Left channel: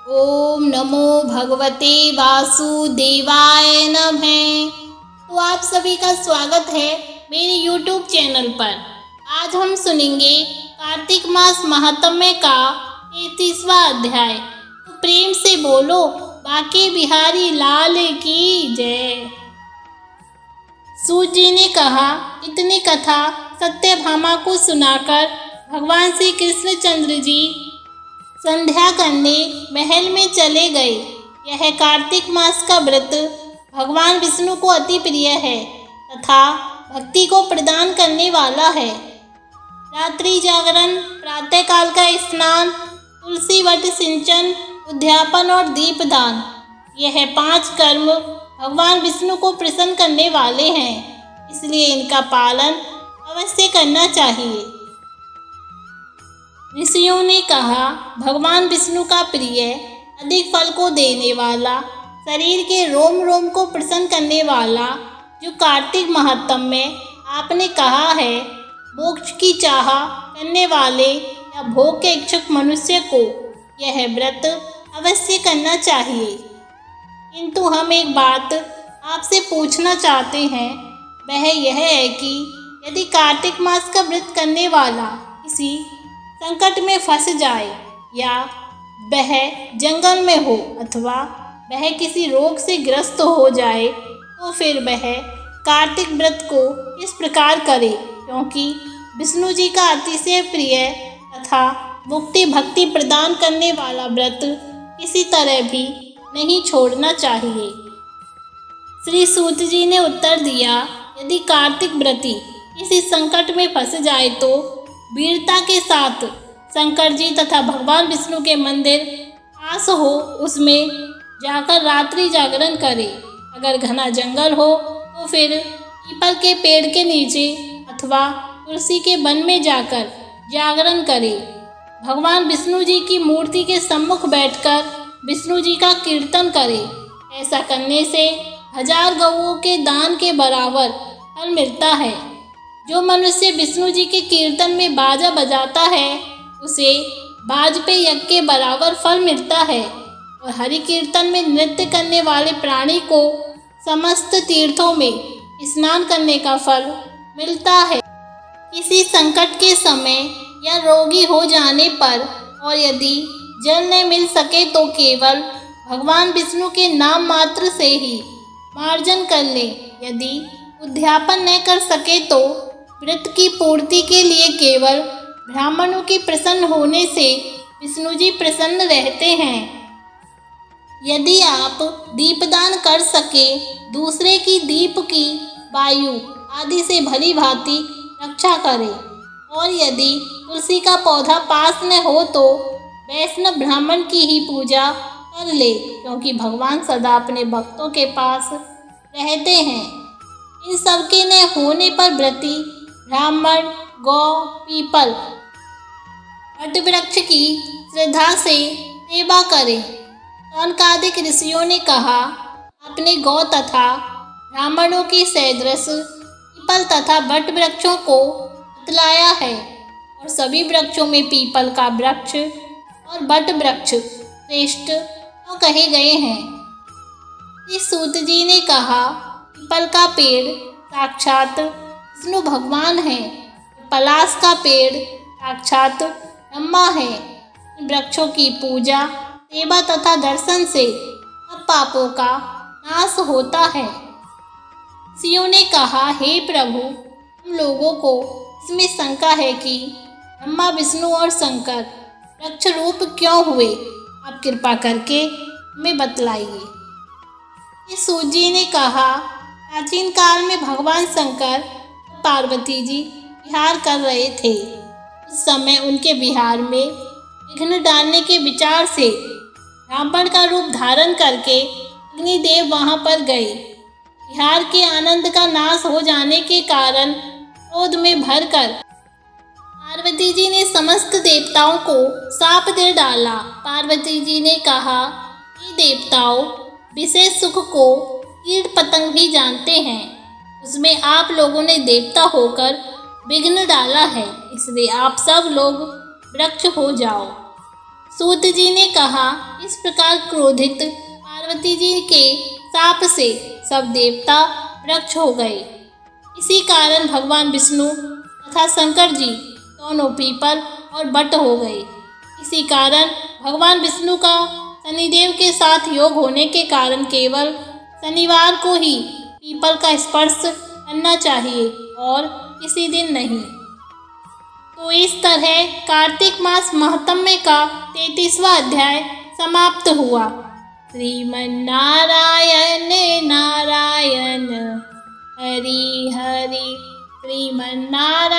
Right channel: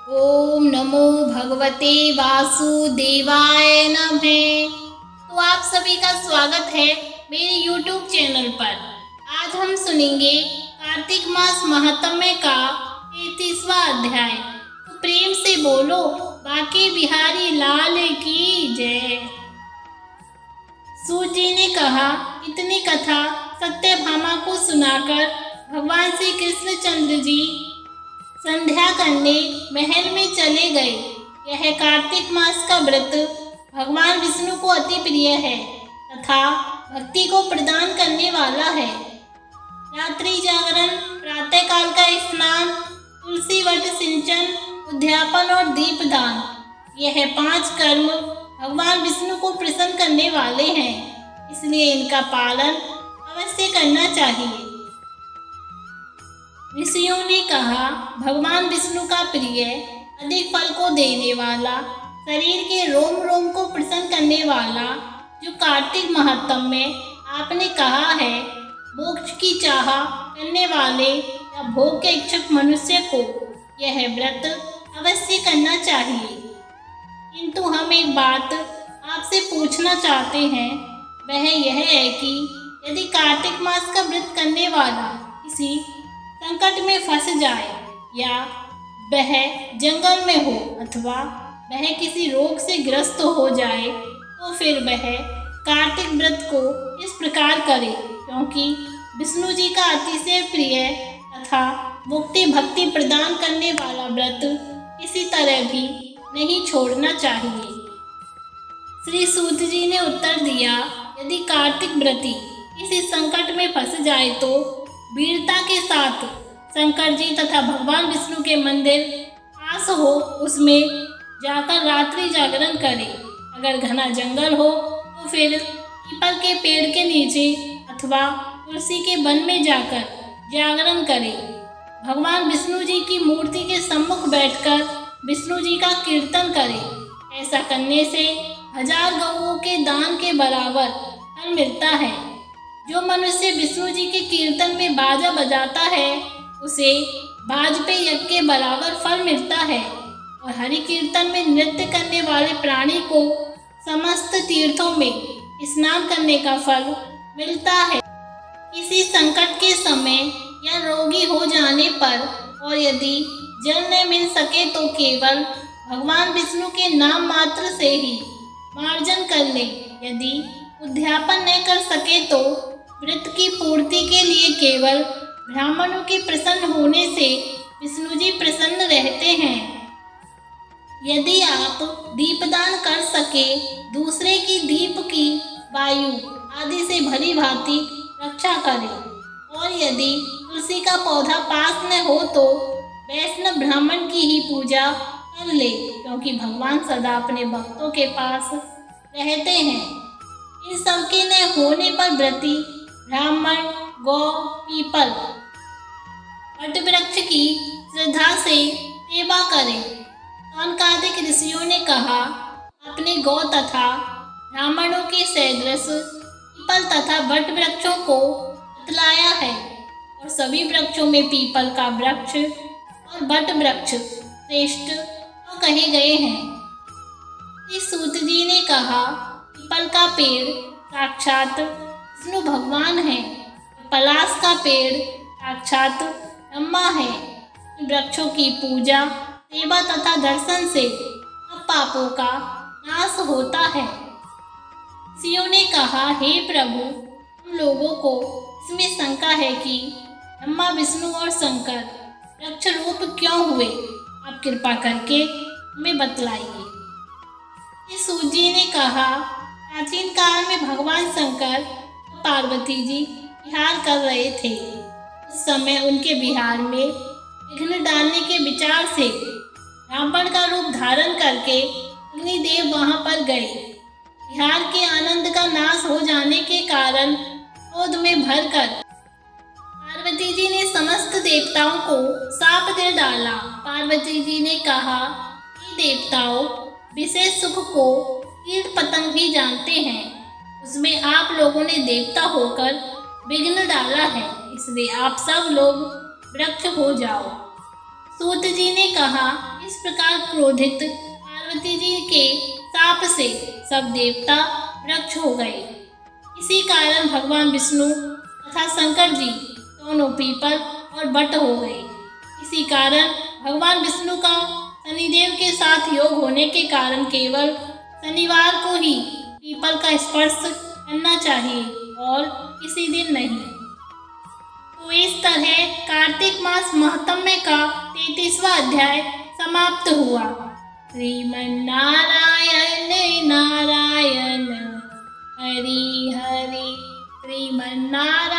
ओम नमो भगवते वासुदेवाय नमः। तो आप सभी का स्वागत है मेरे YouTube चैनल पर। आज हम सुनेंगे कार्तिक मास महात्म्य का 33वां अध्याय। तो प्रेम से बोलो बाके बिहारी लाल की जय। सूत जी ने कहा, इतनी कथा सत्यभामा को सुनाकर भगवान श्री कृष्णचंद्र जी संध्या करने महल में चले गए। यह कार्तिक मास का व्रत भगवान विष्णु को अति प्रिय है तथा भक्ति को प्रदान करने वाला है। रात्रि जागरण, प्रातःकाल का स्नान, तुलसी वट सिंचन, उद्यापन और दीपदान, यह 5 कर्म भगवान विष्णु को प्रसन्न करने वाले हैं, इसलिए इनका पालन अवश्य करना चाहिए। ऋषियों ने कहा, भगवान विष्णु का प्रिय, अधिक फल को देने वाला, शरीर के रोम रोम को प्रसन्न करने वाला जो कार्तिक महात्म्य आपने कहा है, मोक्ष की चाह करने वाले या भोग के इच्छुक मनुष्य को यह व्रत अवश्य करना चाहिए। किंतु हम एक बात आपसे पूछना चाहते हैं, वह यह है कि यदि कार्तिक मास का व्रत करने वाला किसी संकट में फंस जाए या वह जंगल में हो अथवा वह किसी रोग से ग्रस्त हो जाए, तो फिर वह कार्तिक व्रत को इस प्रकार करे, क्योंकि विष्णु जी का अतिशय प्रिय तथा मुक्ति भक्ति प्रदान करने वाला व्रत किसी तरह भी नहीं छोड़ना चाहिए। श्री सूत जी ने उत्तर दिया, यदि कार्तिक व्रती किसी संकट में फंस जाए तो वीरता के साथ शंकर जी तथा भगवान विष्णु के मंदिर पास हो उसमें जाकर रात्रि जागरण करे। अगर घना जंगल हो तो फिर पीपल के पेड़ के नीचे अथवा तुलसी के वन में जाकर जागरण करे। भगवान विष्णु जी की मूर्ति के सम्मुख बैठकर विष्णु जी का कीर्तन करे। ऐसा करने से 1000 गौओं के दान के बराबर फल मिलता है। जो मनुष्य विष्णु जी के कीर्तन में बाजा बजाता है उसे बाज पे यज्ञ के बराबर फल मिलता है, और हरि कीर्तन में नृत्य करने वाले प्राणी को समस्त तीर्थों में स्नान करने का फल मिलता है। किसी संकट के समय या रोगी हो जाने पर और यदि जल न मिल सके तो केवल भगवान विष्णु के नाम मात्र से ही मार्जन कर ले। यदि उद्यापन न कर सके तो व्रत की पूर्ति के लिए केवल ब्राह्मणों के प्रसन्न होने से विष्णु जी प्रसन्न रहते हैं। यदि आप दीपदान कर सके, दूसरे की दीप की वायु आदि से भली भांति रक्षा करें, और यदि तुलसी का पौधा पास न हो तो वैष्णव ब्राह्मण की ही पूजा कर ले, क्योंकि भगवान सदा अपने भक्तों के पास रहते हैं। इन सबके न होने पर व्रती ब्राह्मण, गौ, पीपल, वट वृक्ष की श्रद्धा से सेवा करें। सौनकादिक ऋषियों ने कहा, अपने गौ तथा ब्राह्मणों के सदृश पीपल तथा वट वृक्षों को बतलाया है, और सभी वृक्षों में पीपल का वृक्ष और वट वृक्ष श्रेष्ठ तो कहे गए हैं। इस सूत जी ने कहा, पीपल का पेड़ साक्षात विष्णु भगवान है, पलाश का पेड़ साक्षात ब्रह्मा है। वृक्षों की पूजा, सेवा तथा दर्शन से सब पापों का नाश होता है। ऋषियों ने कहा, हे प्रभु, हम लोगों को इसमें शंका है कि ब्रह्मा, विष्णु और शंकर वृक्ष रूप क्यों हुए? आप कृपा करके हमें बतलाइए। इस सूत जी ने कहा, प्राचीन काल में भगवान शंकर और पार्वती जी विहार कर रहे थे। उस समय उनके विहार में विघ्न डालने के विचार से रावण का रूप धारण करके अग्निदेव वहां पर गए। विहार के आनंद का नाश हो जाने के कारण क्रोध में भरकर पार्वती जी ने समस्त देवताओं को शाप दे डाला। पार्वती जी ने कहा, हे देवताओं, विशेष सुख को कीट पतंग भी जानते हैं, उसमें आप लोगों ने देवता होकर विघ्न डाला है, इसलिए आप सब लोग वृक्ष हो जाओ। सूत जी ने कहा, इस प्रकार क्रोधित पार्वती जी के शाप से सब देवता वृक्ष हो गए। इसी कारण भगवान विष्णु तथा शंकर जी दोनों पीपल और बट हो गए। इसी कारण भगवान विष्णु का शनिदेव के साथ योग होने के कारण केवल शनिवार को ही पीपल का स्पर्श करना चाहिए और किसी दिन नहीं। तो इस तरह कार्तिक मास महात्म्य का 33वां अध्याय समाप्त हुआ। श्रीमन नारायण नारायण हरि हरि श्रीमन नारायण।